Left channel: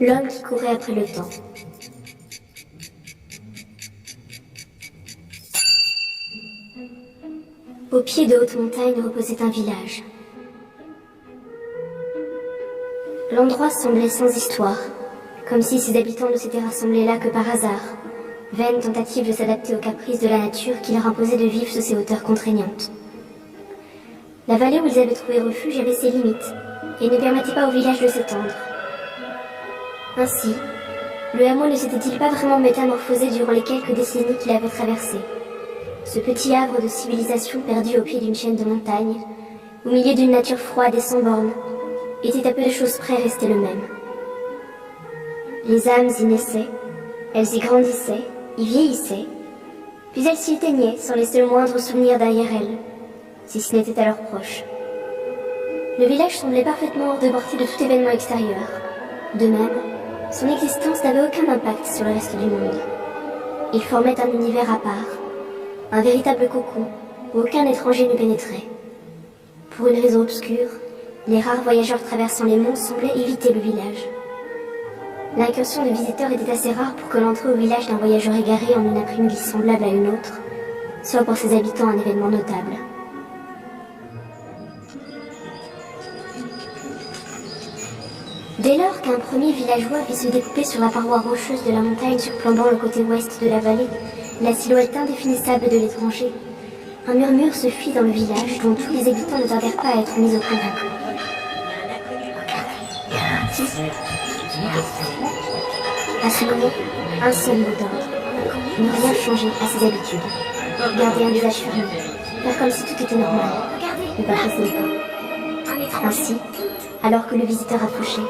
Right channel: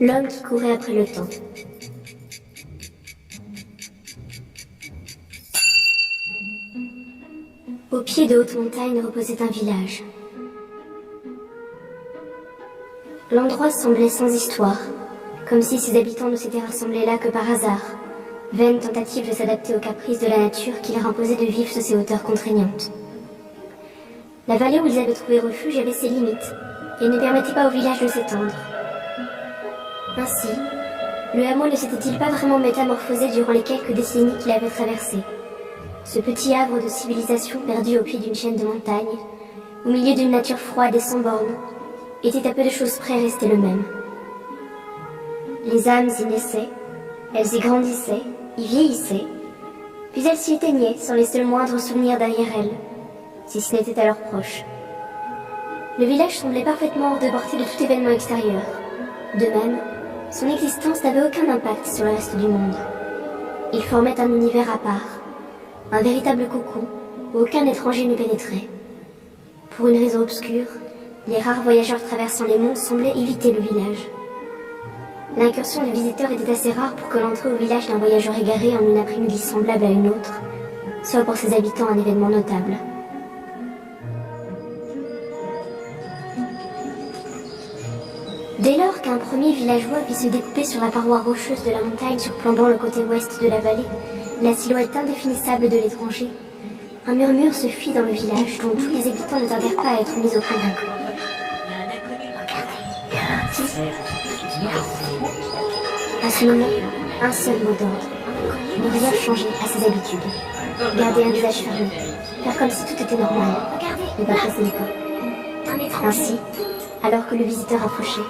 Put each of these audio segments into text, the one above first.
L'homme qui courait après le temps. Au pied de hautes montagnes reposait un village. L'endroit semblait sans histoire, comme si ses habitants ne s'étaient rassemblés là que par hasard, vaine tentative de s'adapter aux caprices de la nature qui leur imposait de vivre sur ces hauteurs contraignantes. La vallée où ils avaient trouvé refuge avait ses limites, et ne permettait pas au village de s'étendre. Ainsi, le hameau ne s'était-il pas vraiment métamorphosé durant les quelques décennies qu'il avait traversées. Ce petit havre de civilisation perdu au pied d'une chaîne de montagnes, au milieu d'une nature froide et sans bornes, était à peu de choses près resté le même. Les âmes y naissaient, elles y grandissaient, y vieillissaient, puis elles s'y éteignaient sans laisser le moindre souvenir derrière elles, si ce n'était à leurs proches. Le village semblait parfaitement hors de portée de tout événement extérieur. De même, son existence n'avait aucun impact sur le reste du monde. Il formait un univers à part, un véritable cocon où aucun étranger ne pénétrait. Pour une raison obscure, les rares voyageurs traversant les monts semblaient éviter le village. L'incursion de visiteurs était assez rare pour que l'entrée au village d'un voyageur égaré en une après-midi semblable à une autre soit pour ses habitants un événement notable. Dès lors qu'un premier villageois vit se découper sur la paroi rocheuse de la montagne surplombant le côté ouest de la vallée la silhouette indéfinissable de l'étranger, un murmure se fit dans le village dont tous les habitants ne tardèrent pas à être mis au courant. À ce moment, un seul mot d'ordre. Ne rien changer à ses habitudes. Garder un visage fermé. Faire comme si tout était normal. Ne pas presser le pas. Ainsi, alors que le visiteur approchait,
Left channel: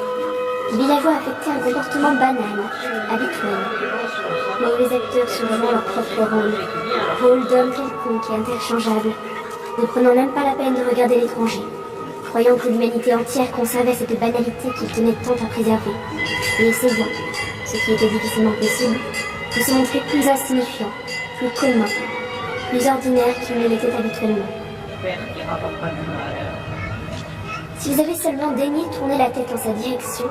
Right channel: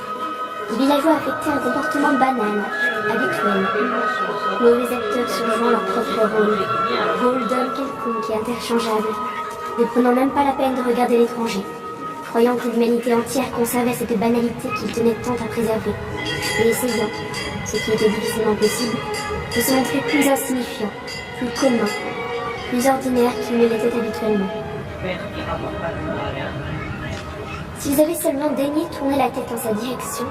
les villageois affectaient un comportement banal, habituel. Mauvais acteurs surjouant leur propre rôle d'homme quelconque et interchangeable, ne prenant même pas la peine de regarder l'étranger, croyant que l'humanité entière conservait cette banalité qu'ils tenaient tant à préserver, et essayant, ce qui était difficilement possible, de se montrer plus insignifiant, plus commun, plus ordinaire qu'ils ne l'étaient habituellement. S'ils avaient seulement daigné tourner la tête en sa direction,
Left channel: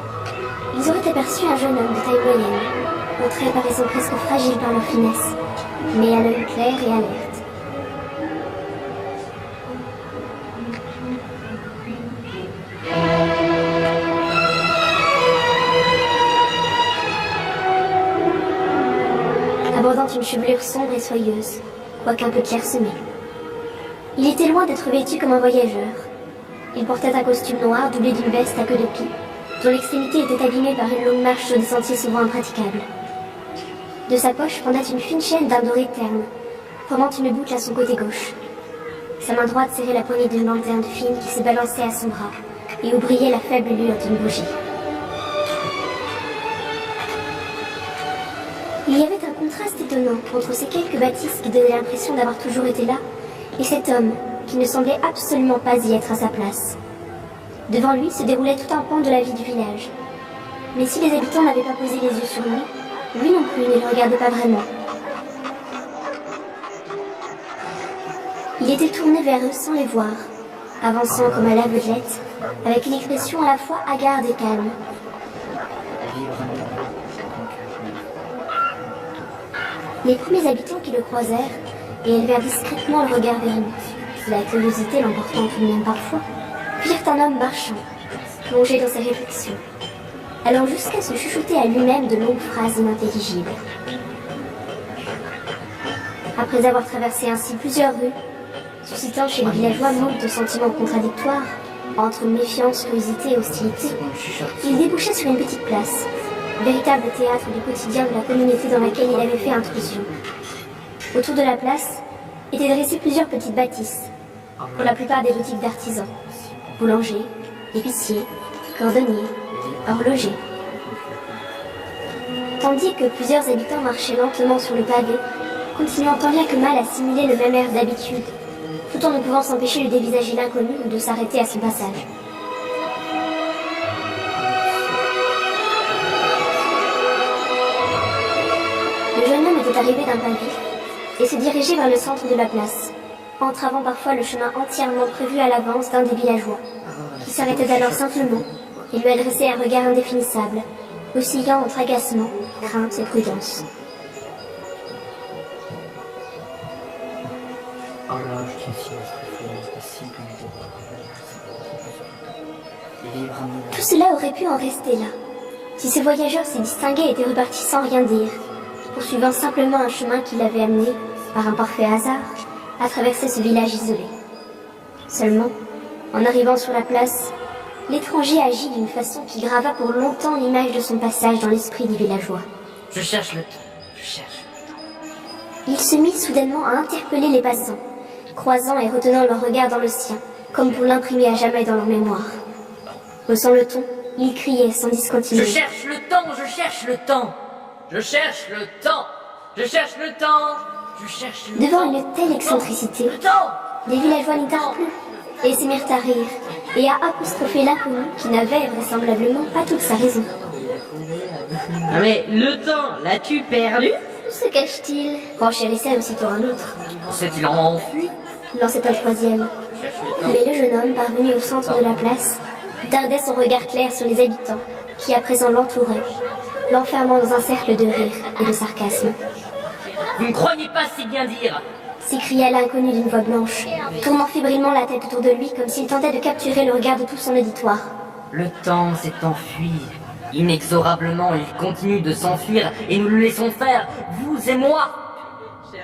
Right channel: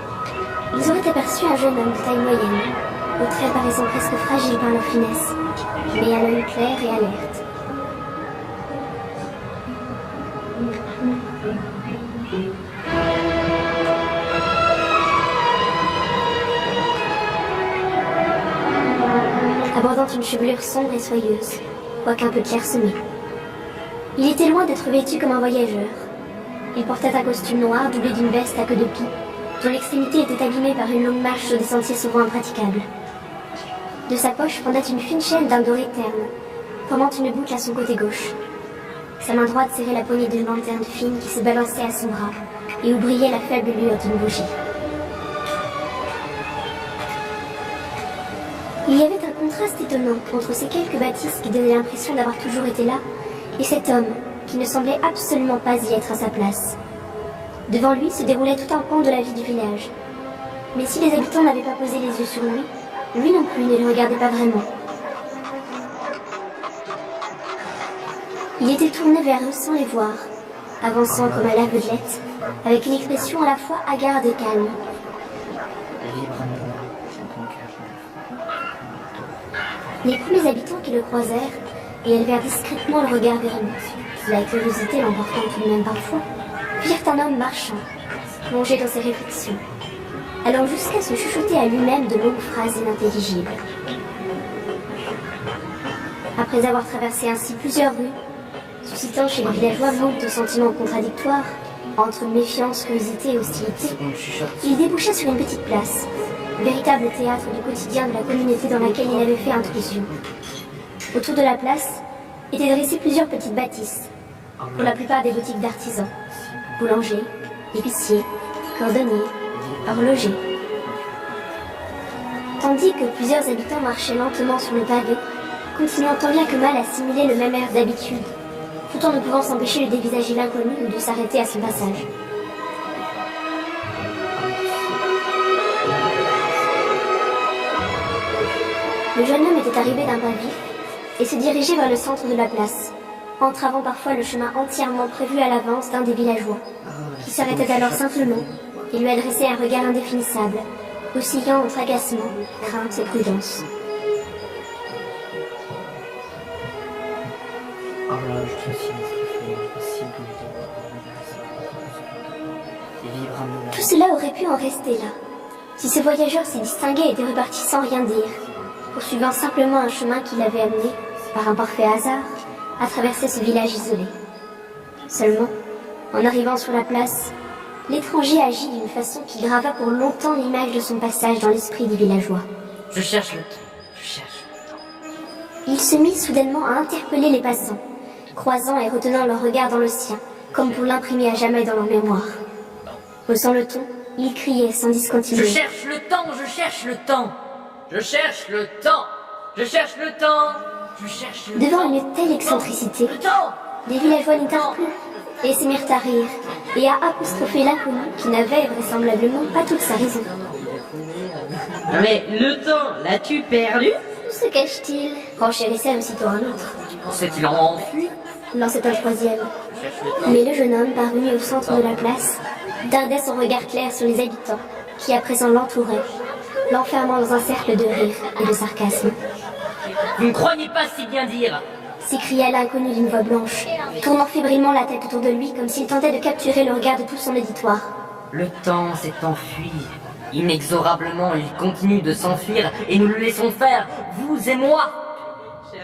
ils auraient aperçu un jeune homme de taille moyenne, aux traits paraissant presque fragiles par leur finesse, mais à l'œil clair et alerte. Abordant une chevelure sombre et soyeuse, quoique un peu clairsemée. Il était loin d'être vêtu comme un voyageur. Il portait un costume noir doublé d'une veste à queue de pie, dont l'extrémité était abîmée par une longue marche sur des sentiers souvent impraticables. De sa poche pendait une fine chaîne d'un doré terne, formant une boucle à son côté gauche. Sa main droite serrait la poignée d'une lanterne fine qui se balançait à son bras et où brillait la faible lueur d'une bougie. Il y avait un contraste étonnant entre ces quelques bâtisses qui donnaient l'impression d'avoir toujours été là et cet homme qui ne semblait absolument pas y être à sa place. Devant lui se déroulait tout un pan de la vie du village. Mais si les habitants n'avaient pas posé les yeux sur lui, lui non plus ne le regardait pas vraiment. Il était tourné vers eux sans les voir, avançant comme à l'aveuglette, avec une expression à la fois hagarde et calme. Les premiers habitants qui le croisèrent et élevèrent discrètement le regard vers lui, la curiosité l'emportant tout de même parfois, virent un homme marchant, plongé dans ses réflexions, allant jusqu'à se chuchoter à lui-même de longues phrases inintelligibles. Après avoir traversé ainsi plusieurs rues, suscitant chez les villageois moult sentiments contradictoires, entre méfiance, curiosité et hostilité, il déboucha sur une petite place, véritable théâtre du quotidien de la communauté dans laquelle il avait fait intrusion. Autour de la place étaient dressées plusieurs petites bâtisses, pour la plupart des boutiques d'artisans, boulangers, épiciers, cordonniers, horlogers. Tandis que plusieurs habitants marchaient lentement sur le pavé, continuant tant bien que mal à simuler le même air d'habitude, tout en ne pouvant s'empêcher de dévisager l'inconnu ou de s'arrêter à son passage. Le jeune homme était arrivé d'un pas vif et se dirigeait vers le centre de la place, entravant parfois le chemin entièrement prévu à l'avance d'un des villageois, qui s'arrêtait alors simplement et lui adressait un regard indéfinissable, oscillant entre agacement, crainte et prudence. Oh là, je te suis impossible de libre à nous. Tout cela aurait pu en rester là, si ce voyageur s'est distingué et était reparti sans rien dire, poursuivant simplement un chemin qui l'avait amené, par un parfait hasard, à traverser ce village isolé. Seulement, en arrivant sur la place, l'étranger agit d'une façon qui grava pour longtemps l'image de son passage dans l'esprit du villageois. Je cherche le temps, je cherche le temps. Il se mit soudainement à interpeller les passants, croisant et retenant leur regard dans le sien, comme pour l'imprimer à jamais dans leur mémoire. Haussant le ton, il criait sans discontinuer. Je cherche le temps, je cherche le temps. Je cherche le temps, je cherche le temps, je cherche le temps. Devant une telle excentricité, Le temps. les villageois n'y tinrent plus, et se mirent à rire, et à apostropher l'inconnu qui n'avait vraisemblablement pas toute sa raison. Mais le temps, l'as-tu perdu? Où se cache-t-il? Renchérissait aussitôt un autre. S'est-il enfui? Lançait un troisième. Je cherche le temps. Mais le jeune homme, parvenu au centre de la place, dardait son regard clair sur les habitants, qui à présent l'entouraient, l'enfermant dans un cercle de rire et de sarcasme. Vous ne croyez pas si bien dire? S'écria l'inconnu d'une voix blanche, tournant fébrilement la tête autour de lui comme s'il tentait de capturer le regard de tout son auditoire. Le temps s'est enfui. Inexorablement, il continue de s'enfuir et nous le laissons faire, vous et moi.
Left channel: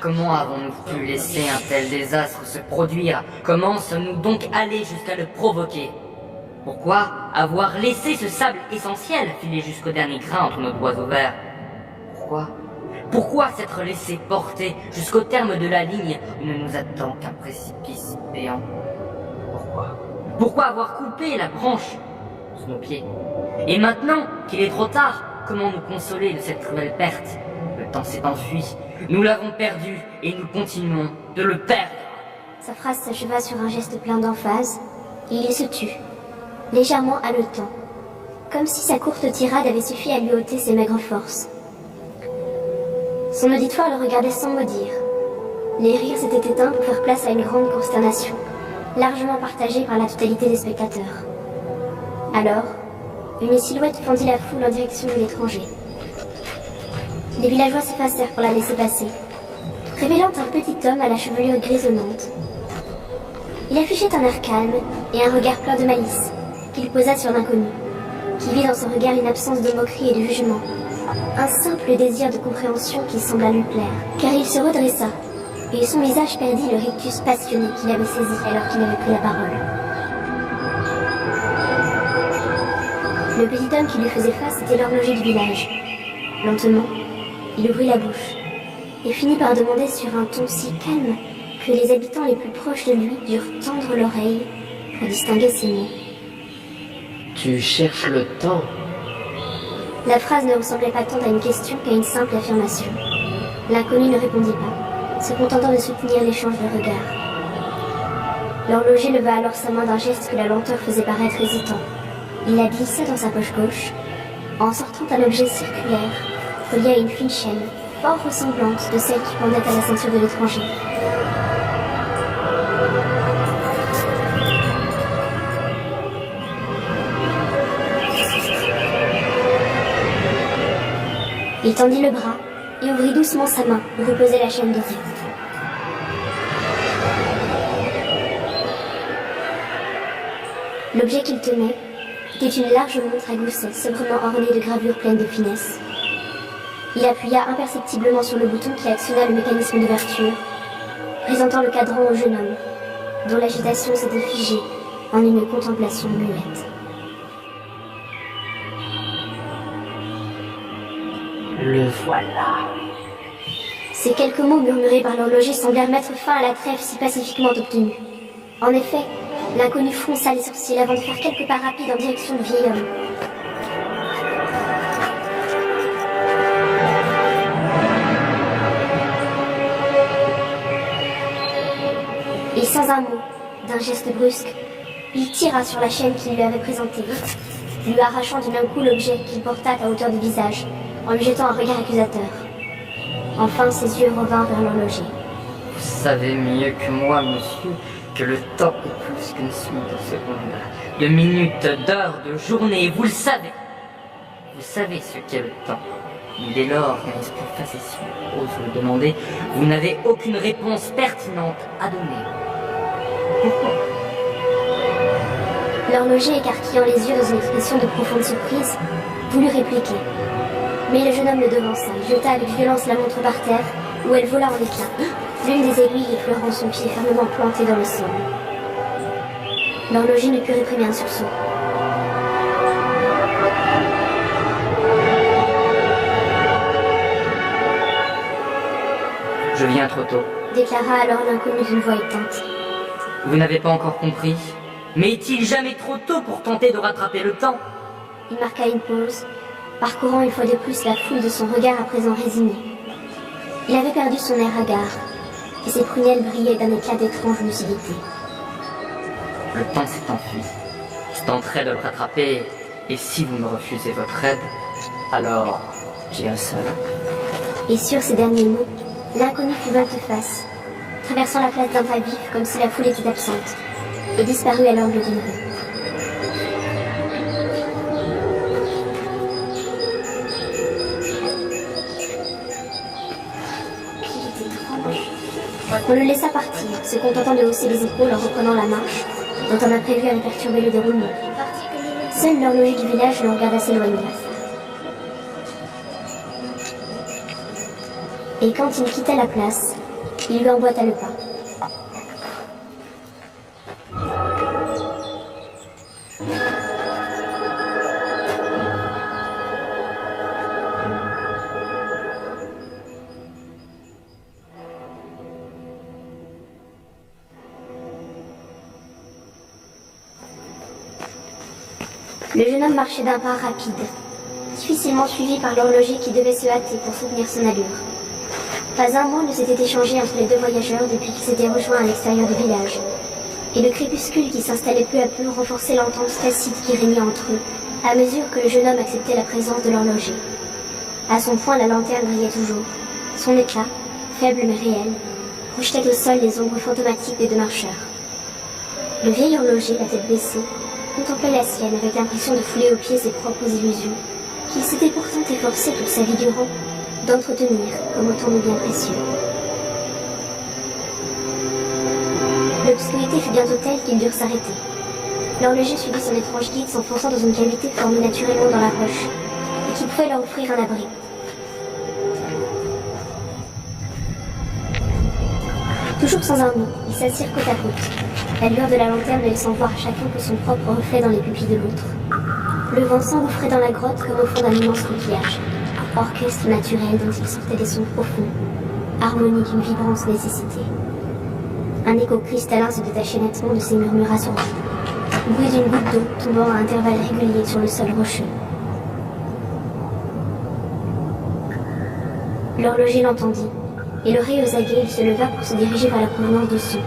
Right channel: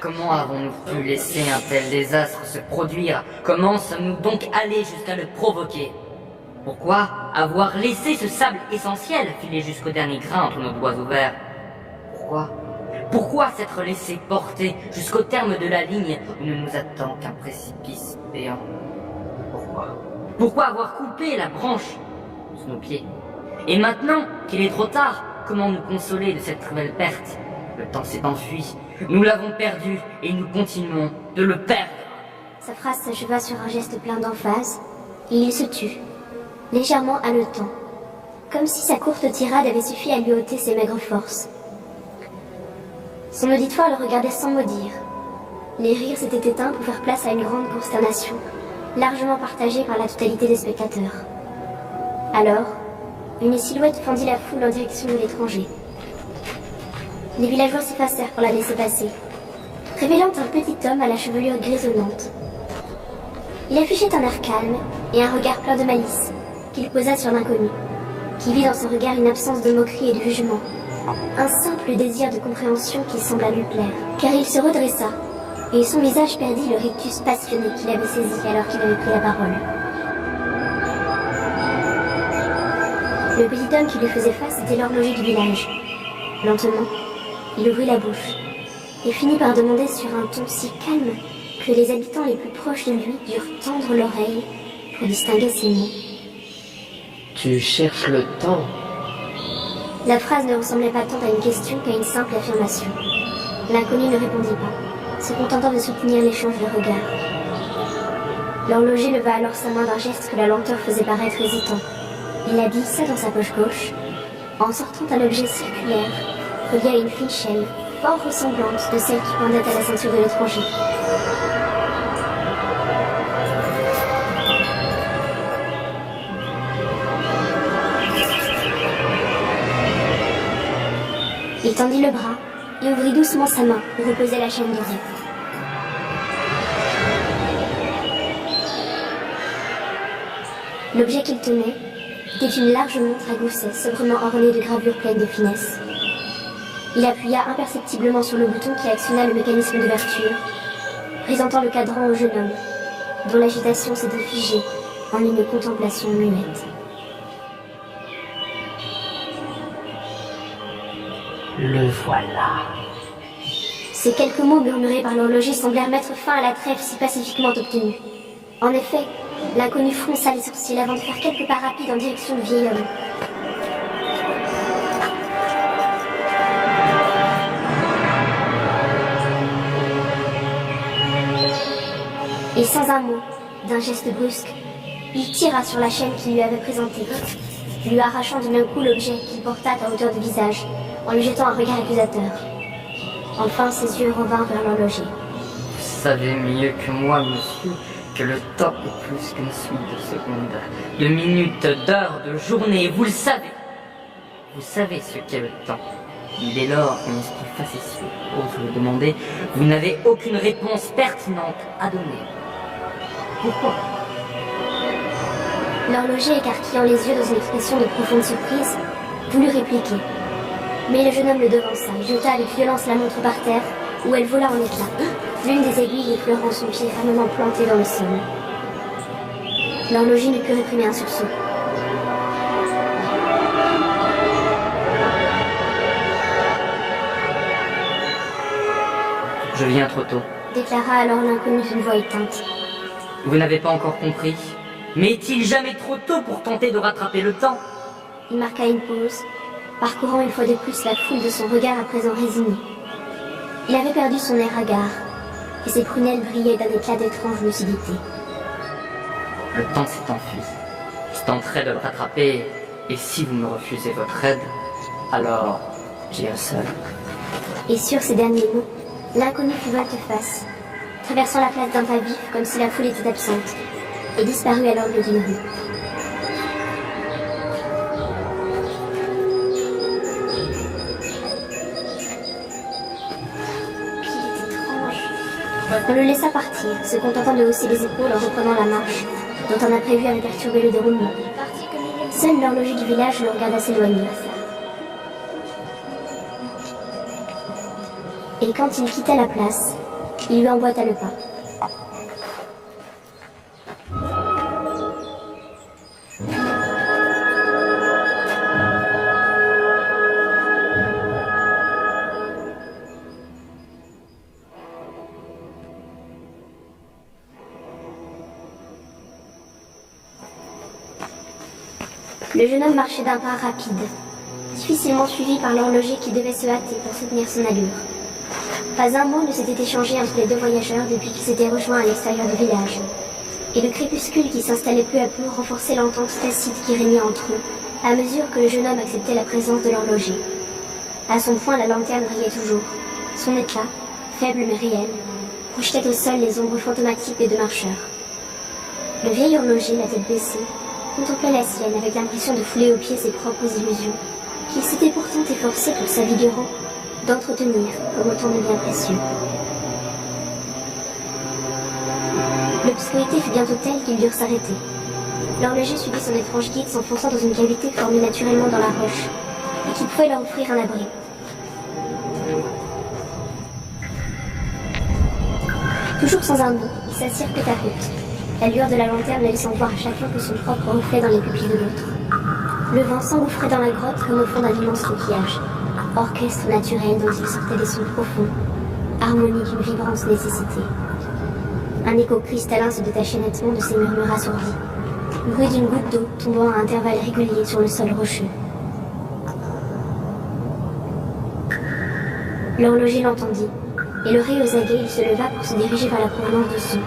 Comment avons-nous pu laisser un tel désastre se produire? Comment sommes-nous donc allés jusqu'à le provoquer? Pourquoi avoir laissé ce sable essentiel filer jusqu'au dernier grain entre nos doigts ouverts? Pourquoi s'être laissé porter jusqu'au terme de la ligne où ne nous attend qu'un précipice béant? Pourquoi avoir coupé la branche sous nos pieds? Et maintenant qu'il est trop tard, comment nous consoler de cette cruelle perte? Le temps s'est enfui, nous l'avons perdu et nous continuons de le perdre. Sa phrase s'acheva sur un geste plein d'emphase, et il se tut, légèrement haletant, comme si sa courte tirade avait suffi à lui ôter ses maigres forces. Son auditoire le regardait sans mot dire. Les rires s'étaient éteints pour faire place à une grande consternation, largement partagée par la totalité des spectateurs. Alors, une silhouette fendit la foule en direction de l'étranger. Les villageois s'effacèrent pour la laisser passer, révélant un petit homme à la chevelure grisonnante. Il affichait un air calme et un regard plein de malice, qu'il posa sur l'inconnu, qui vit dans ce regard une absence de moquerie et de jugement, un simple désir de compréhension qui sembla lui plaire, car il se redressa, et son visage perdit le rictus passionné qu'il avait saisi alors qu'il avait pris la parole. Le petit homme qui lui faisait face était l'horloger du village. Lentement, il ouvrit la bouche, et finit par demander sur un ton si calme que les habitants les plus proches de lui durent tendre l'oreille pour distinguer ses mots. Tu cherches le temps. La phrase ne ressemblait pas tant à une question qu'à une simple affirmation. L'inconnu ne répondit pas, se contentant de soutenir l'échange de regards. L'horloger leva alors sa main d'un geste que la lenteur faisait paraître hésitant. Il la glissa dans sa poche gauche, en sortant un objet circulaire, relié à une fine chaîne, fort ressemblante de celle qui pendait à la ceinture de l'étranger. Il tendit le bras et ouvrit doucement sa main où reposait la chaîne dorée. L'objet qu'il tenait était une large montre à gousset sobrement ornée de gravures pleines de finesse. Il appuya imperceptiblement sur le bouton qui actionna le mécanisme d'ouverture, présentant le cadran au jeune homme, dont l'agitation s'était figée en une contemplation muette. Le voilà. Ces quelques mots murmurés par l'horloger semblèrent mettre fin à la trêve si pacifiquement obtenue. En effet, l'inconnu fronça les sourcils avant de faire quelques pas rapides en direction du vieil homme. Et sans un mot, d'un geste brusque, il tira sur la chaîne qu'il lui avait présentée, lui arrachant du même coup l'objet qu'il porta à hauteur de visage, en lui jetant un regard accusateur. Enfin, ses yeux revinrent vers l'horloger. Vous savez mieux que moi, monsieur, que le temps est plus qu'une suite de secondes, de minutes, d'heures, de journées, vous le savez. Vous savez ce qu'est le temps. Mais dès lors qu'un esprit facétieux ose vous le demander, vous n'avez aucune réponse pertinente à donner. Pourquoi? L'horloger, écarquillant les yeux dans une expression de profonde surprise, voulut répliquer. Mais le jeune homme le devança et jeta avec violence la montre par terre, où elle vola en éclats, l'une des aiguilles effleurant son pied fermement planté dans le sol. L'horloger ne put réprimer un sursaut. Je viens trop tôt. Déclara alors l'inconnu d'une voix éteinte. Vous n'avez pas encore compris? Mais est-il jamais trop tôt pour tenter de rattraper le temps? Il marqua une pause, parcourant une fois de plus la foule de son regard à présent résigné. Il avait perdu son air hagard, et ses prunelles brillaient d'un éclat d'étrange lucidité. Le temps s'est enfui. Je tenterai de le rattraper, et si vous me refusez votre aide, alors j'irai seul. Et sur ces derniers mots, l'inconnu fut volte-face, traversant la place d'un pas vif comme si la foule était absente, et disparut à l'angle d'une rue. Qu'il était étrange. On le laissa partir, se contentant de hausser les épaules en reprenant la marche, dont un imprévu avait perturbé le déroulement. Seul l'horloger du village le regarda s'éloigner. Et quand il quitta la place, il lui emboîta le pas. Le jeune homme marchait d'un pas rapide, difficilement suivi par l'horloger qui devait se hâter pour soutenir son allure. Pas un mot ne s'était échangé entre les deux voyageurs depuis qu'ils s'étaient rejoints à l'extérieur du village. Et le crépuscule qui s'installait peu à peu renforçait l'entente tacite qui régnait entre eux, à mesure que le jeune homme acceptait la présence de l'horloger. À son poing, la lanterne brillait toujours. Son éclat, faible mais réel, projetait au sol les ombres fantomatiques des deux marcheurs. Le vieil horloger, la tête baissée, contemplait la sienne avec l'impression de fouler aux pieds ses propres illusions, qu'il s'était pourtant efforcé toute sa vie durant d'entretenir comme autant de biens précieux. L'obscurité fut bientôt telle qu'ils durent s'arrêter. L'horloger suivit son étrange guide s'enfonçant dans une cavité formée naturellement dans la roche et qui pouvait leur offrir un abri. Toujours sans un mot, ils s'assirent côte à côte, la lueur de la lanterne ne laissant voir à chacun que son propre reflet dans les pupilles de l'autre. Le vent s'engouffrait dans la grotte comme au fond d'un immense coquillage, orchestre naturel dont il sortait des sons profonds, harmonie d'une vibrante nécessité. Un écho cristallin se détachait nettement de ces murmures assourdis, bruit d'une goutte d'eau tombant à intervalles réguliers sur le sol rocheux. L'horloger l'entendit, et l'oreille aux aguets, il se leva pour se diriger vers la provenance du son.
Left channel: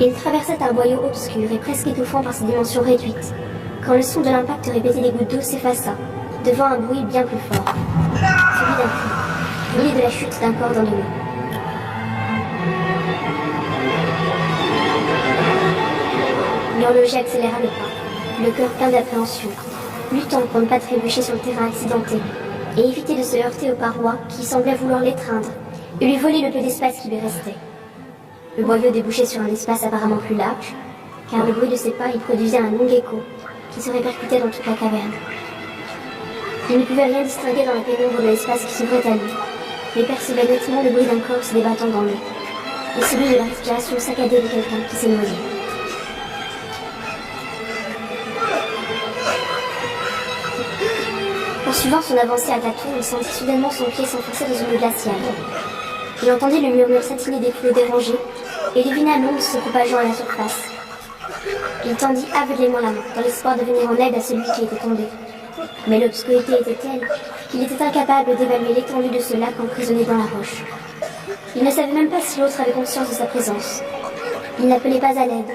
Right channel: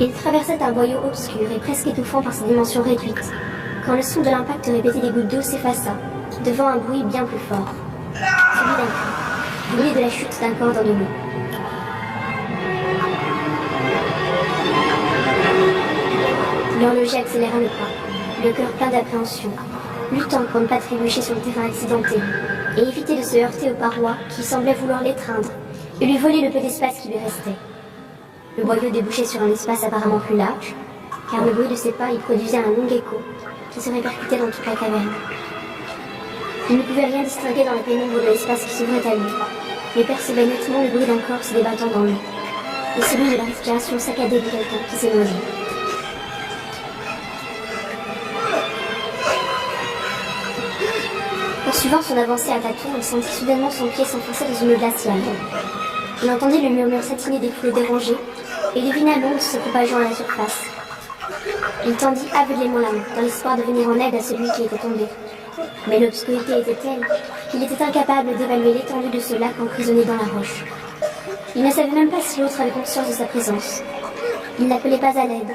Il traversait un boyau obscur et presque étouffant par ses dimensions réduites, quand le son de l'impact répété des gouttes d'eau s'effaça, devant un bruit bien plus fort, celui d'un cri, bruit de la chute d'un corps dans de l'eau. L'horloger accéléra le pas, le cœur plein d'appréhension, luttant pour ne pas trébucher sur le terrain accidenté, et éviter de se heurter aux parois qui semblaient vouloir l'étreindre, et lui voler le peu d'espace qui lui restait. Le boyau débouchait sur un espace apparemment plus large, car le bruit de ses pas y produisait un long écho qui se répercutait dans toute la caverne. Il ne pouvait rien distinguer dans la pénombre de l'espace qui s'ouvrait à lui, mais percevait nettement le bruit d'un corps se débattant dans l'eau, et celui de la respiration saccadée de quelqu'un qui s'est noyé. Poursuivant son avancée à tâtons, il sentit soudainement son pied s'enfoncer dans une eau glaciale. Il entendit le murmure satiné des flots dérangés et devina l'onde se propageant à la surface. Il tendit aveuglément la main, dans l'espoir de venir en aide à celui qui était tombé. Mais l'obscurité était telle qu'il était incapable d'évaluer l'étendue de ce lac emprisonné dans la roche. Il ne savait même pas si l'autre avait conscience de sa présence. Il n'appelait pas à l'aide,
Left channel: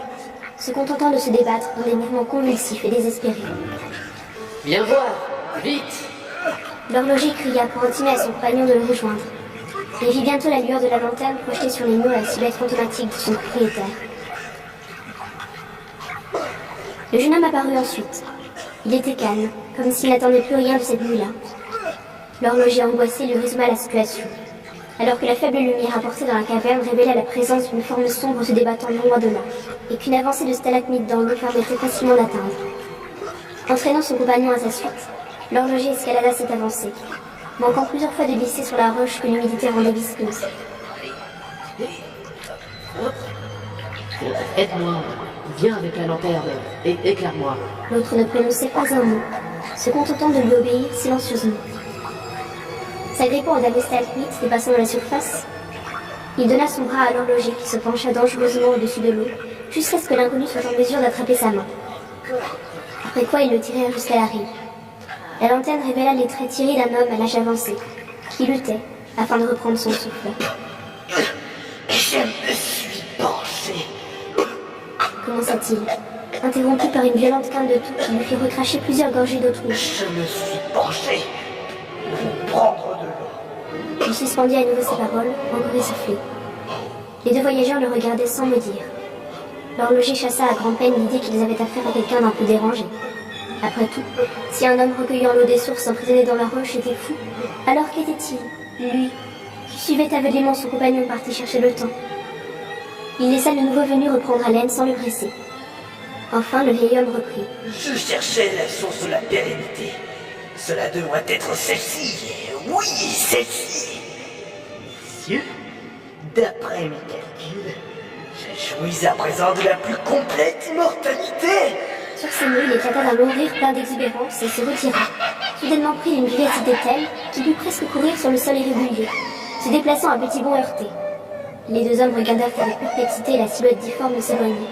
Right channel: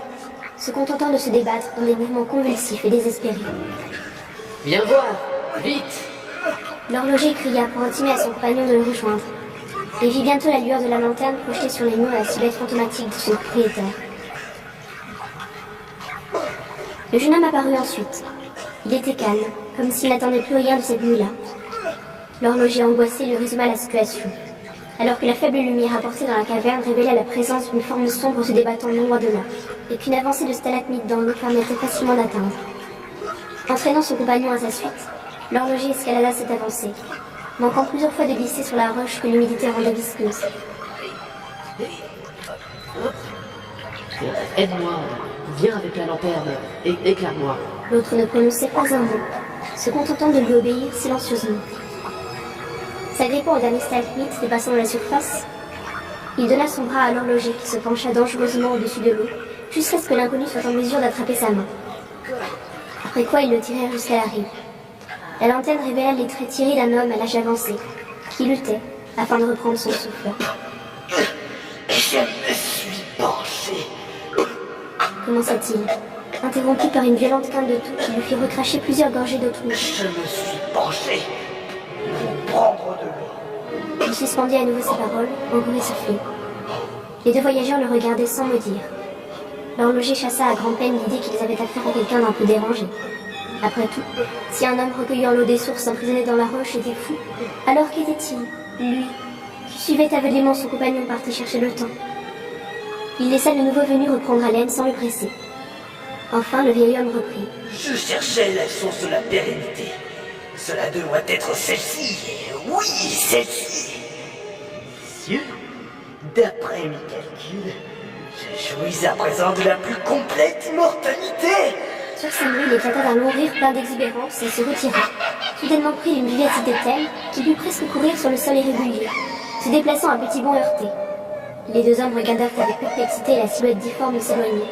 se contentant de se débattre dans des mouvements convulsifs et désespérés. « Viens voir, vite !» L'horloger cria pour intimer à son compagnon de le rejoindre, et vit bientôt la lueur de la lanterne projetée sur les murs la silhouette fantomatique de son propriétaire. Le jeune homme apparut ensuite. Il était calme, comme s'il n'attendait plus rien de cette nuit-là. L'horloger angoissé lui résuma la situation, alors que la faible lumière apportée dans la caverne révélait la présence d'une forme sombre se débattant non loin de là, et qu'une avancée de stalagmites dans l'eau permettait facilement d'atteindre. Entraînant son compagnon à sa suite, l'horloger escalada cette avancée, manquant plusieurs fois de glisser sur la roche que l'humidité rendait visqueuse. Aide-moi, viens avec la lanterne, éclaire-moi. L'autre ne prononçait pas un mot, se contentant de lui obéir silencieusement. S'agrippant au dernier stalagmite dépassant de la surface, il donna son bras à l'horloger qui se pencha dangereusement au-dessus de l'eau, jusqu'à ce que l'inconnu soit en mesure d'attraper sa main. Après quoi ils le tirèrent jusqu'à la rive. La lanterne révéla les traits tirés d'un homme à l'âge avancé, qui luttait afin de reprendre son souffle. Je me suis penché. Commença-t-il, interrompu par une violente quinte de toux qui lui fit recracher plusieurs gorgées d'eau trouble. Je me suis penché pour prendre de l'eau. Il suspendit à nouveau ses paroles, encore essoufflé. Les deux voyageurs le regardaient sans mot dire. L'horloger chassa à grand-peine l'idée qu'ils avaient affaire à quelqu'un d'un peu dérangé. Après tout, si un homme recueillant l'eau des sources emprisonné dans la roche était fou, alors qu'était-il, lui, qui suivait aveuglément son compagnon parti chercher le temps? Il laissa le nouveau venu reprendre haleine sans le presser. Enfin, le vieil homme reprit. Je cherchais la source de la pérennité. Cela doit être celle-ci. Oui, celle-ci. Messieurs, d'après mes calculs, je jouis à présent de la plus complète immortalité. Sur ces mots, il éclata d'un long rire plein d'exubérance et se retira, soudainement pris d'une vivacité telle qu'il put presque courir sur le sol irrégulier, se déplaçant à petits bonds heurtés. Les deux hommes regardèrent avec perplexité la silhouette difforme s'éloigner,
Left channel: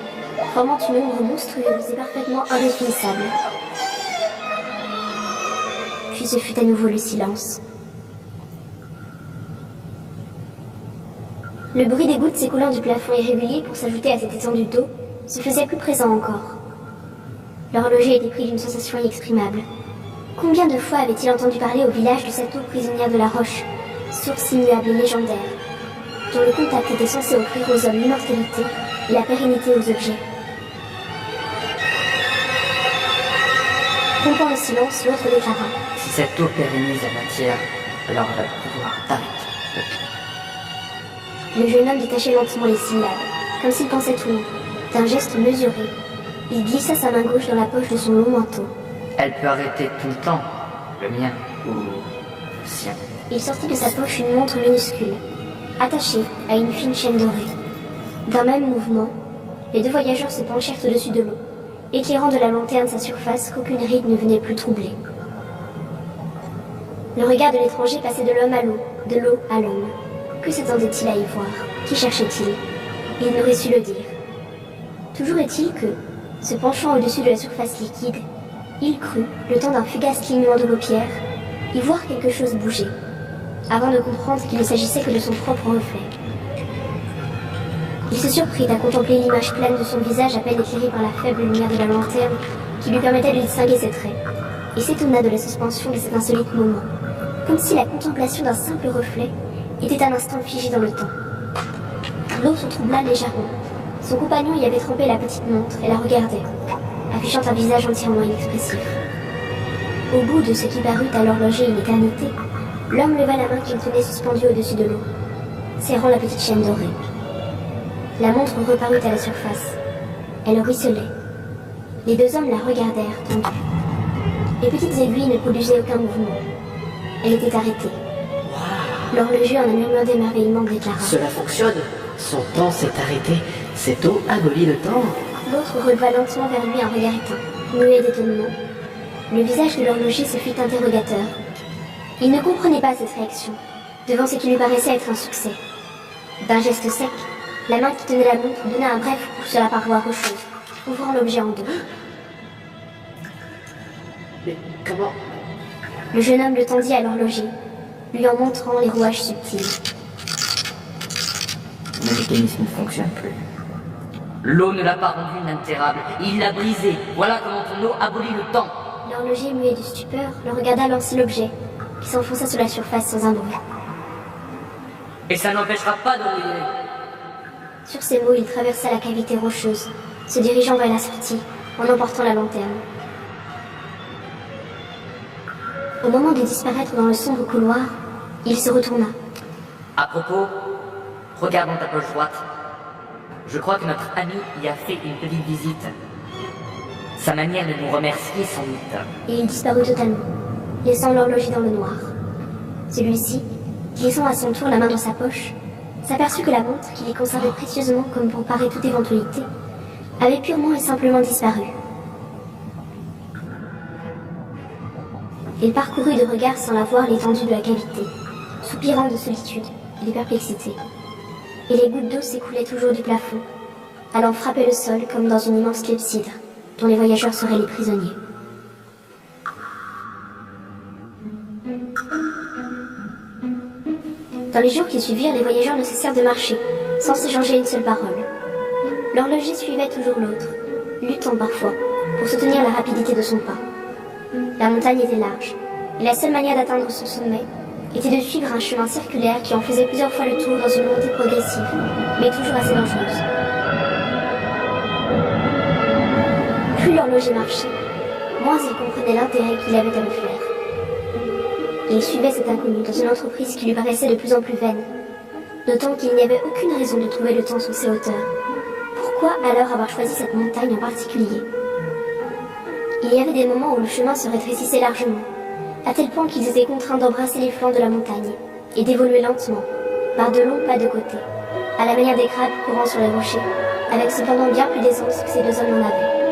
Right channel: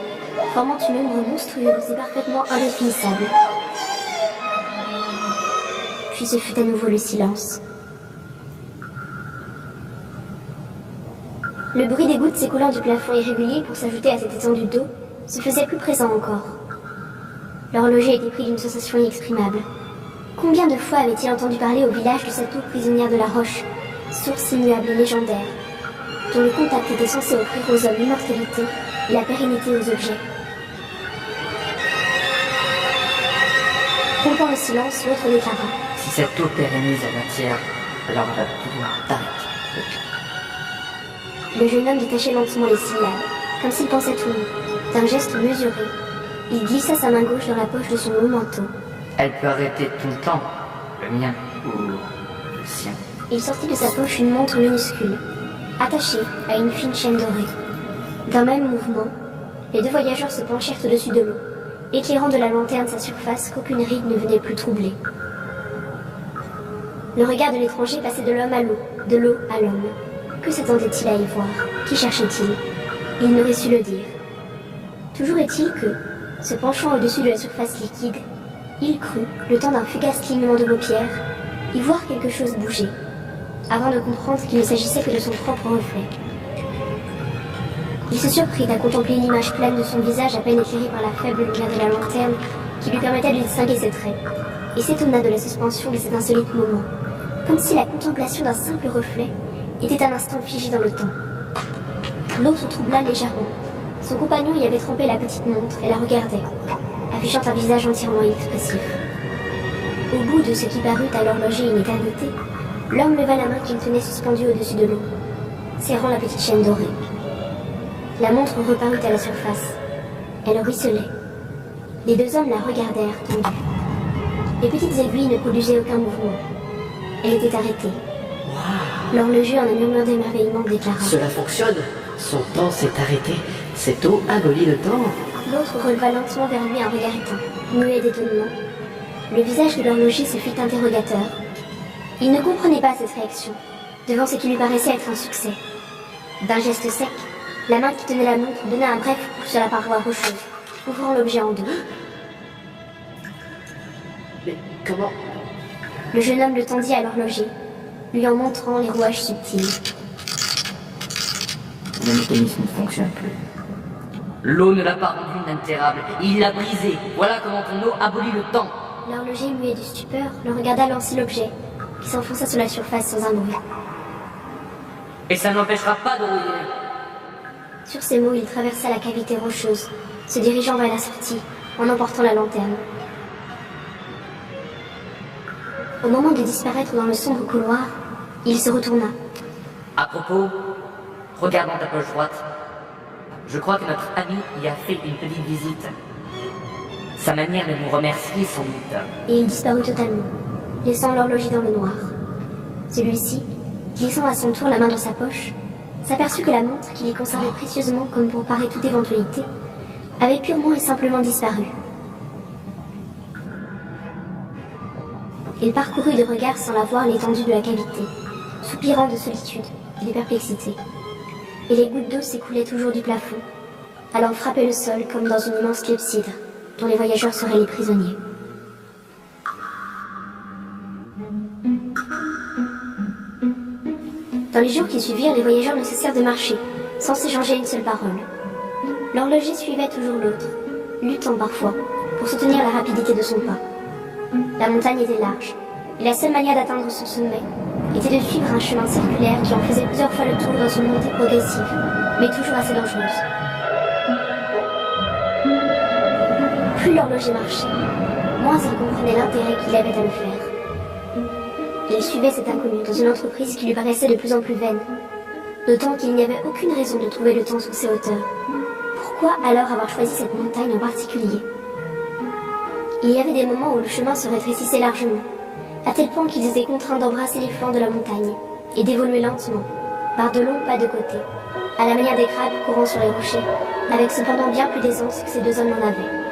formant une ombre monstrueuse et parfaitement indéfinissable. Puis ce fut à nouveau le silence. Le bruit des gouttes s'écoulant du plafond irrégulier pour s'ajouter à cette étendue d'eau se faisait plus présent encore. L'horloger était pris d'une sensation inexprimable. Combien de fois avait-il entendu parler au village de cette eau prisonnière de la roche, source immuable et légendaire, dont le contact était censé offrir aux hommes l'immortalité et la pérennité aux objets. Rompant le silence, l'autre déclara. Si cette eau pérennise la matière, alors elle a le pouvoir d'arrêter. Le jeune homme détachait lentement les syllabes, comme s'il pensait tout haut. D'un geste mesuré, il glissa sa main gauche dans la poche de son long manteau. Elle peut arrêter tout le temps, le mien ou le sien. Il sortit de sa poche une montre minuscule, attachée à une fine chaîne dorée. D'un même mouvement, les deux voyageurs se penchèrent au-dessus de l'eau, éclairant de la lanterne sa surface qu'aucune ride ne venait plus troubler. Le regard de l'étranger passait de l'homme à l'eau, de l'eau à l'homme. Que s'attendait-il à y voir? Qui cherchait-il? Il n'aurait su le dire. Toujours est-il que, se penchant au-dessus de la surface liquide, il crut, le temps d'un fugace clignement de paupières, y voir quelque chose bouger, avant de comprendre qu'il ne s'agissait que de son propre reflet. Il se surprit à contempler l'image plane de son visage à peine éclairé par la faible lumière de la lanterne qui lui permettait de distinguer ses traits, et s'étonna de la suspension de cet insolite moment, comme si la contemplation d'un simple reflet était un instant figé dans le temps. L'eau se troubla légèrement. Son compagnon y avait trempé la petite montre et la regardait, affichant un visage entièrement inexpressif. Au bout de ce qui parut à l'horloger une éternité, l'homme leva la main qu'il tenait suspendue au-dessus de l'eau, serrant la petite chaîne dorée. La montre reparut à la surface. Elle ruisselait. Les deux hommes la regardèrent, tendus. Les petites aiguilles ne produisaient aucun mouvement. Elle était arrêtée. L'horloger, en un murmure d'émerveillement, déclara. Cela fonctionne. Son temps s'est arrêté. Cette eau abolit le temps. L'autre releva lentement vers lui un regard éteint, muet d'étonnement. Le visage de l'horloger se fit interrogateur. Il ne comprenait pas cette réaction, devant ce qui lui paraissait être un succès. D'un geste sec, la main qui tenait la montre donna un bref coup sur la paroi rocheuse, ouvrant l'objet en deux. Mais comment... Le jeune homme le tendit à l'horloger, lui en montrant les rouages subtils. Le mécanisme ne fonctionne plus. L'eau ne l'a pas rendu inaltérable, il l'a brisé. Voilà comment ton eau abolit le temps. L'horloger, muet de stupeur, le regarda lancer l'objet, qui s'enfonça sous la surface sans un bruit. Et ça n'empêchera pas de rouiller. Sur ces mots, il traversa la cavité rocheuse, se dirigeant vers la sortie, en emportant la lanterne. Au moment de disparaître dans le sombre couloir, il se retourna. À propos, regarde dans ta poche droite. Je crois que notre ami y a fait une petite visite. Sa manière de nous remercier sans doute. Et il disparut totalement, laissant l'horloger dans le noir. Celui-ci, glissant à son tour la main dans sa poche, s'aperçut que la montre qu'il y conservait précieusement comme pour parer toute éventualité, avait purement et simplement disparu. Il parcourut de regard sans la voir l'étendue de la cavité, soupirant de solitude et de perplexité. Et les gouttes d'eau s'écoulaient toujours du plafond, allant frapper le sol comme dans une immense clepsydre, dont les voyageurs seraient les prisonniers. Dans les jours qui suivirent, les voyageurs ne cessèrent de marcher, sans s'échanger une seule parole. L'horloger suivait toujours l'autre, luttant parfois, pour soutenir la rapidité de son pas. La montagne était large, et la seule manière d'atteindre son sommet était de suivre un chemin circulaire qui en faisait plusieurs fois le tour dans une montée progressive, mais toujours assez dangereuse. Plus l'horloger marchait, moins il comprenait l'intérêt qu'il avait à le faire. Il suivait cet inconnu dans une entreprise qui lui paraissait de plus en plus vaine, d'autant qu'il n'y avait aucune raison de trouver le temps sur ces hauteurs. Pourquoi alors avoir choisi cette montagne en particulier? Il y avait des moments où le chemin se rétrécissait largement, à tel point qu'ils étaient contraints d'embrasser les flancs de la montagne et d'évoluer lentement, par de longs pas de côté, à la manière des crabes courant sur les rochers, avec cependant bien plus d'aisance que ces deux hommes n'en avaient.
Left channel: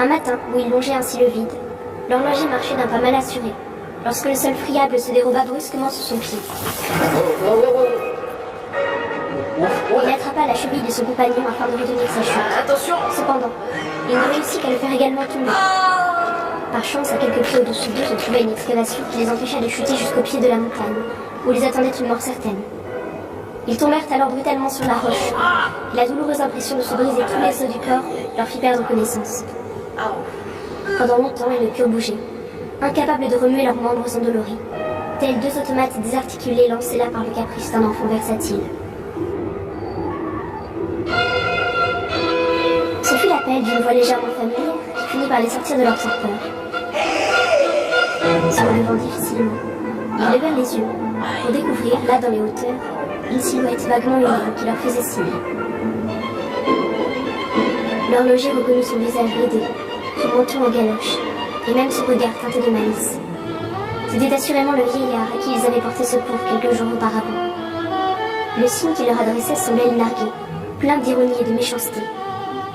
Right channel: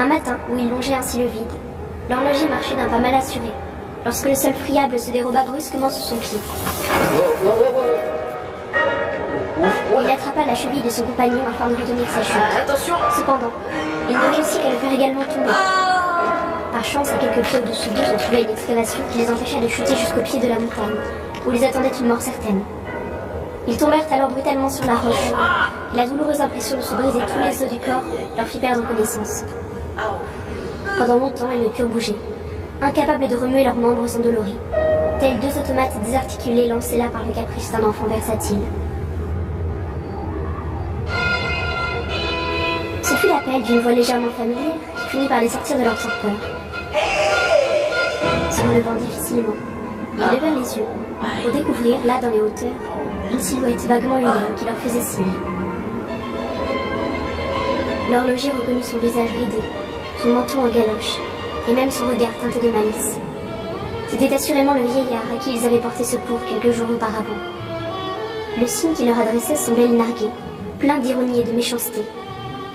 Un matin, où il longeait ainsi le vide, l'horloger marchait d'un pas mal assuré, lorsque le sol friable se déroba brusquement sous son pied. Il attrapa la cheville de son compagnon afin de retenir sa chute. Attention! Cependant, il ne réussit qu'à le faire également tomber. Par chance, à quelques pieds au-dessus d'eux, se trouvait une excavation qui les empêcha de chuter jusqu'au pied de la montagne, où les attendait une mort certaine. Ils tombèrent alors brutalement sur la roche, et la douloureuse impression de se briser tous les os du corps leur fit perdre connaissance. Pendant longtemps, ils ne purent bouger, incapables de remuer leurs membres endoloris, tels deux automates désarticulés lancés là par le caprice d'un enfant versatile. Ce fut l'appel d'une voix légèrement familière qui finit par les sortir de leur torpeur. Se relevant difficilement, ils levèrent les yeux pour découvrir, là dans les hauteurs, une silhouette vaguement humaine qui leur faisait signe. L'horloger reconnut son visage ridé, son menton en galoche, et même son regard teinté de malice. C'était assurément le vieillard à qui ils avaient porté secours quelques jours auparavant. Le signe qu'il leur adressait semblait les narguer, plein d'ironie et de méchanceté.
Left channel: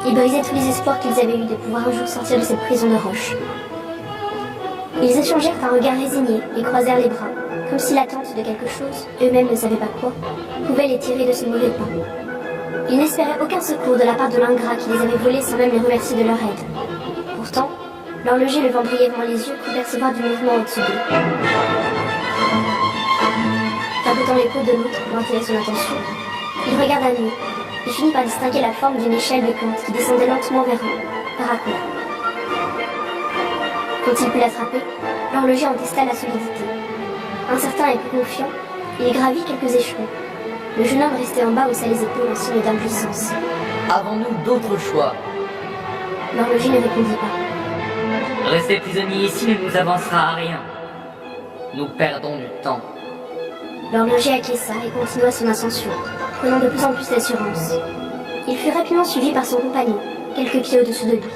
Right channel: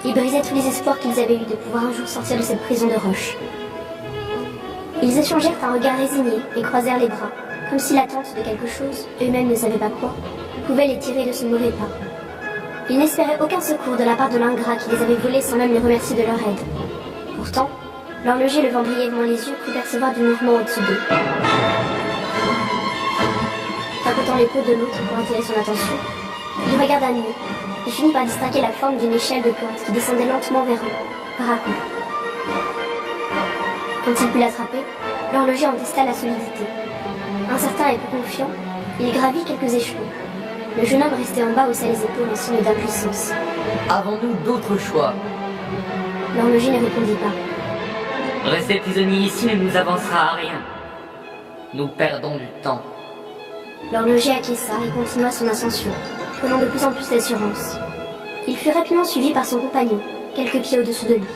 Il brisait tous les espoirs qu'ils avaient eus de pouvoir un jour sortir de cette prison de roche. Ils échangèrent un regard résigné et croisèrent les bras, comme si l'attente de quelque chose, eux-mêmes ne savaient pas quoi, pouvait les tirer de ce mauvais pas. Ils n'espéraient aucun secours de la part de l'ingrat qui les avait volés sans même les remercier de leur aide. Pourtant, l'horloger levant brièvement les yeux crut percevoir du mouvement au-dessus d'eux. Tapotant l'épaule de l'autre pour attirer son attention, il regarda mieux et finit par distinguer la forme d'une échelle de plante qui descendait lentement vers eux, par à-coups. Quand il put l'attraper, l'horloger en testa la solidité. Incertain et peu confiant, il gravit quelques échelons. Le jeune homme resté en bas haussa les épaules en signe d'impuissance. Avons-nous d'autres choix? L'horloger ne répondit pas. Rester prisonnier ici ne nous avancera à rien. Nous perdons du temps. L'horloger acquiesça et continua son ascension, prenant de plus en plus d'assurance. Il fut rapidement suivi par son compagnon, quelques pieds au-dessous de lui.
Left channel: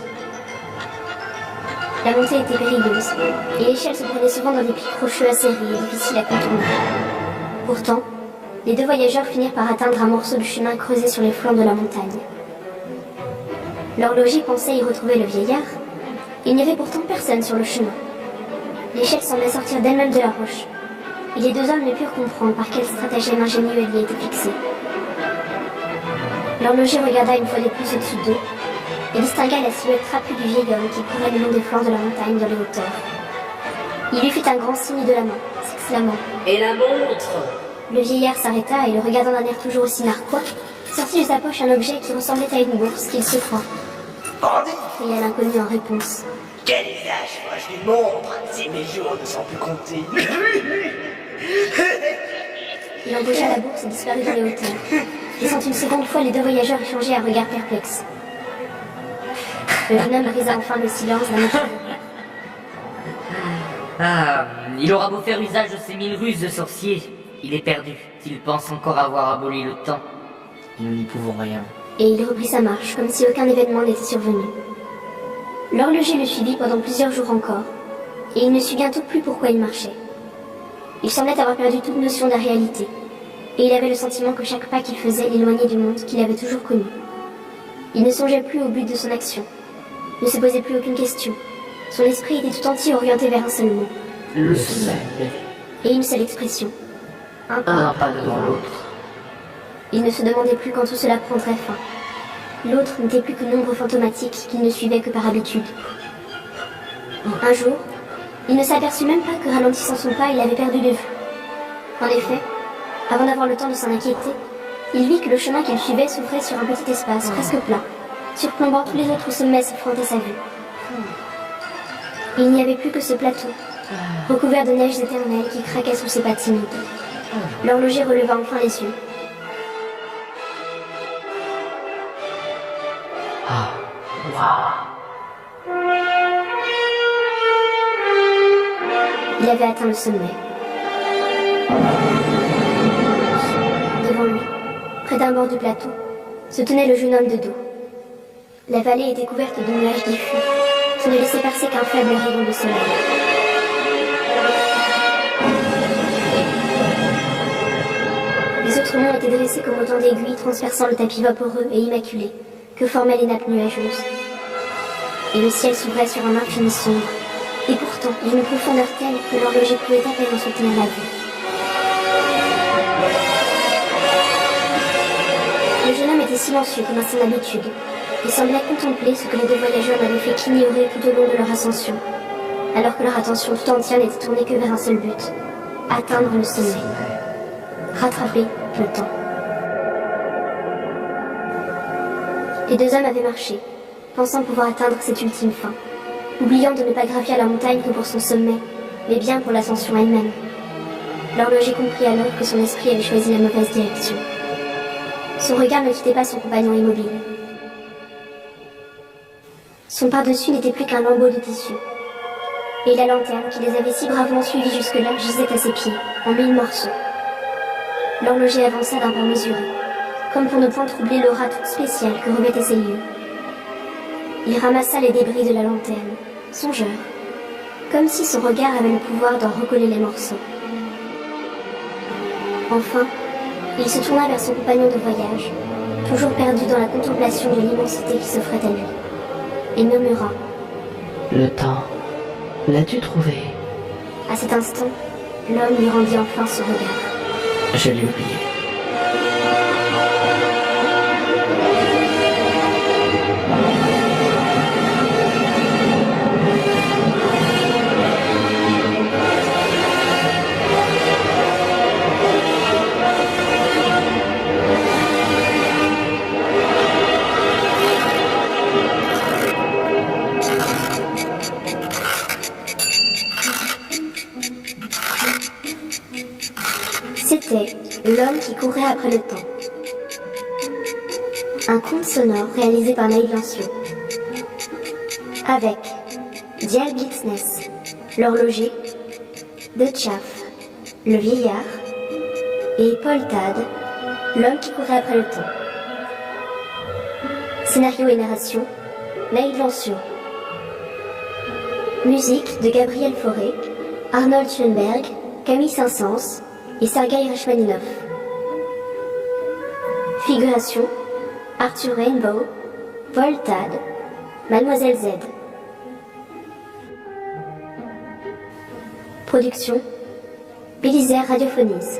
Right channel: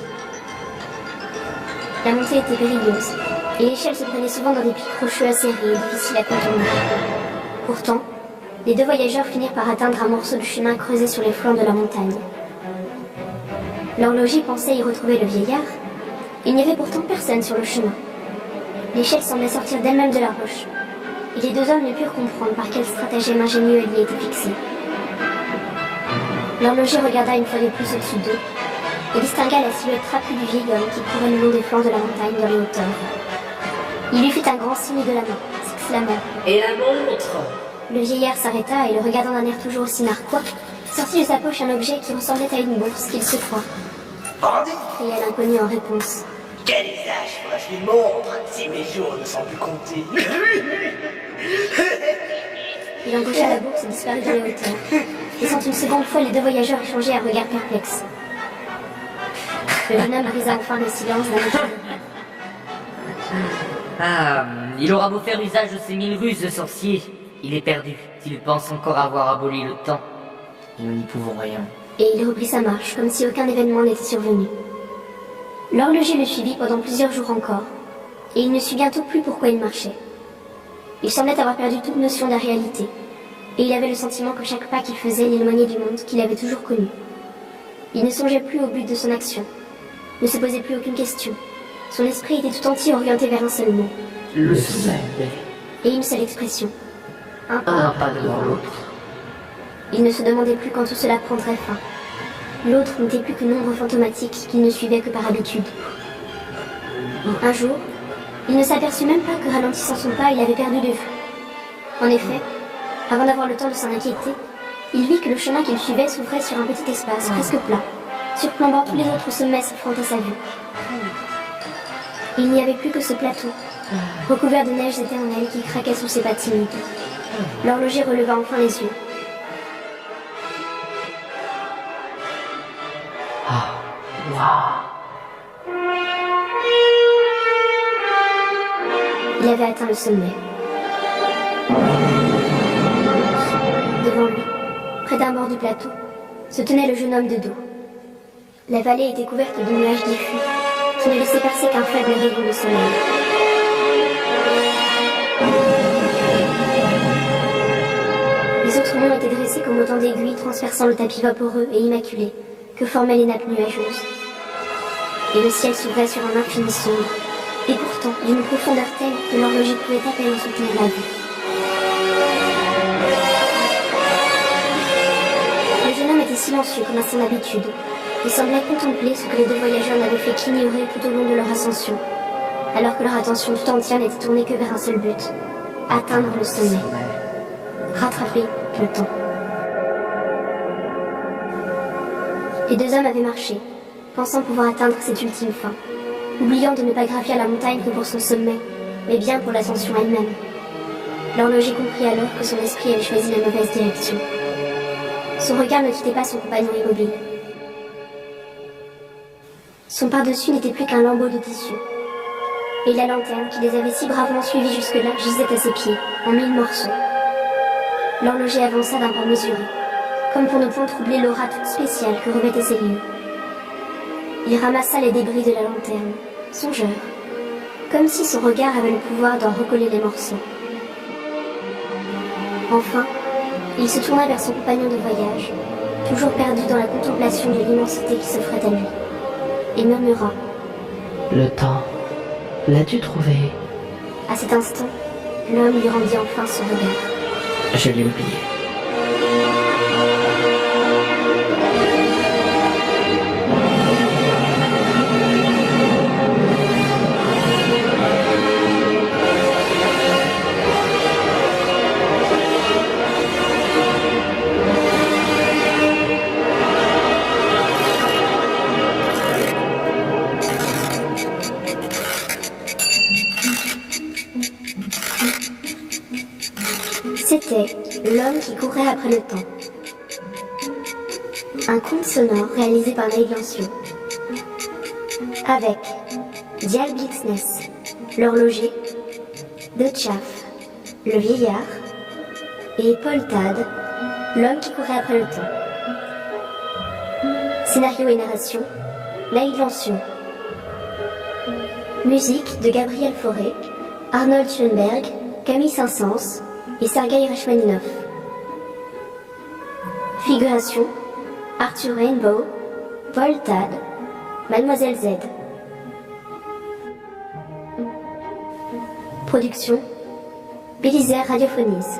La montée était périlleuse, et l'échelle se prenait souvent dans des pics rocheux acérés et difficiles à contourner. Pourtant, les deux voyageurs finirent par atteindre un morceau de chemin creusé sur les flancs de la montagne. L'horloger pensait y retrouver le vieillard. Il n'y avait pourtant personne sur le chemin. L'échelle semblait sortir d'elle-même de la roche, et les deux hommes ne purent comprendre par quel stratagème ingénieux elle y était fixée. L'horloger regarda une fois de plus au-dessus d'eux, et distingua la silhouette trapue du vieil homme qui courait le long des flancs de la montagne dans les hauteurs. Il lui fit un grand signe de la main, s'exclamant « Et la montre !» Le vieillard s'arrêta et, le regardant d'un air toujours aussi narquois, sortit de sa poche un objet qui ressemblait à une bourse qu'il secoua. « Bandit !» cria l'inconnu en réponse. « Quel usage ferais-je d'une montre si mes jours ne sont plus comptés ?» Il empocha la bourse et disparut dans les hauteurs. laissant une seconde fois les deux voyageurs échanger un regard perplexe. Le jeune homme brisa enfin le silence d'un autre. Ah, il aura beau faire usage de ses 1000 ruses de sorcier, il est perdu. S'il pense encore avoir aboli le temps, nous n'y pouvons rien. Et il reprit sa marche, comme si aucun événement n'était survenu. L'horloger le suivit pendant plusieurs jours encore, et il ne sut bientôt plus pourquoi il marchait. Il semblait avoir perdu toute notion de la réalité, et il avait le sentiment que chaque pas qu'il faisait l'éloignait du monde qu'il avait toujours connu. Il ne songeait plus au but de son action, ne se posait plus aucune question. Son esprit était tout entier orienté vers un seul mot. Le sommeil. Et une seule expression. Un pas. Un pas devant l'autre. Il ne se demandait plus quand tout cela prendrait fin. L'autre n'était plus qu'une ombre fantomatique qu'il ne suivait que par habitude. Un jour, il ne s'aperçut même pas que ralentissant son pas, il avait perdu de vue. En effet, avant d'avoir le temps de s'en inquiéter, il vit que le chemin qu'il suivait s'ouvrait sur un petit espace presque plat, surplombant tous les autres sommets s'offrant à sa vue. Il n'y avait plus que ce plateau, recouvert de neige éternelle qui craquait sous ses pas timides. L'horloger releva enfin les yeux. Ah, waouh. Il avait atteint le sommet. Devant lui, près d'un bord du plateau, se tenait le jeune homme de dos. La vallée était couverte de nuages diffus, qui ne laissaient percer qu'un faible rayon de soleil. Les autres monts étaient dressés comme autant d'aiguilles transperçant le tapis vaporeux et immaculé que formaient les nappes nuageuses. Et le ciel s'ouvrait sur un infini sombre, et pourtant d'une profondeur telle que l'horloger pouvait à peine en soutenir la vue. Le jeune homme était silencieux comme à son habitude, et semblait contempler ce que les deux voyageurs n'avaient fait qu'ignorer tout au long de leur ascension, alors que leur attention tout entière n'était tournée que vers un seul but, atteindre le sommet, rattraper le temps. Les deux hommes avaient marché, pensant pouvoir atteindre cette ultime fin, oubliant de ne pas gravir la montagne que pour son sommet, mais bien pour l'ascension elle-même. L'horloger comprit alors que son esprit avait choisi la mauvaise direction. Son regard ne quittait pas son compagnon immobile. Son par-dessus n'était plus qu'un lambeau de tissu. Et la lanterne qui les avait si bravement suivis jusque-là gisait à ses pieds, en 1000 morceaux. L'horloger avança d'un pas mesuré, comme pour ne point troubler l'aura toute spéciale que revêtaient ces lieux. Il ramassa les débris de la lanterne, songeur, comme si son regard avait le pouvoir d'en recoller les morceaux. Enfin, il se tourna vers son compagnon de voyage, toujours perdu dans la contemplation de l'immensité qui s'offrait à lui, et murmura. Le temps, l'as-tu trouvé? À cet instant, l'homme lui rendit enfin son regard. Je l'ai oublié. C'était L'homme qui courait après le temps. Un conte sonore réalisé par Naïd Lanciot. Avec Dial Blixness, l'horloger, De Chaff, le vieillard, et Paul Tad, l'homme qui courait après le temps. Scénario et narration, Naïd Lanciot. Musique de Gabriel Fauré, Arnold Schoenberg, Camille Saint-Saëns et Sergueï Rachmaninov. Figuration, Arthur Rainbow, Paul Tad, Mademoiselle Z. Production, Bélisaire Radiophonies.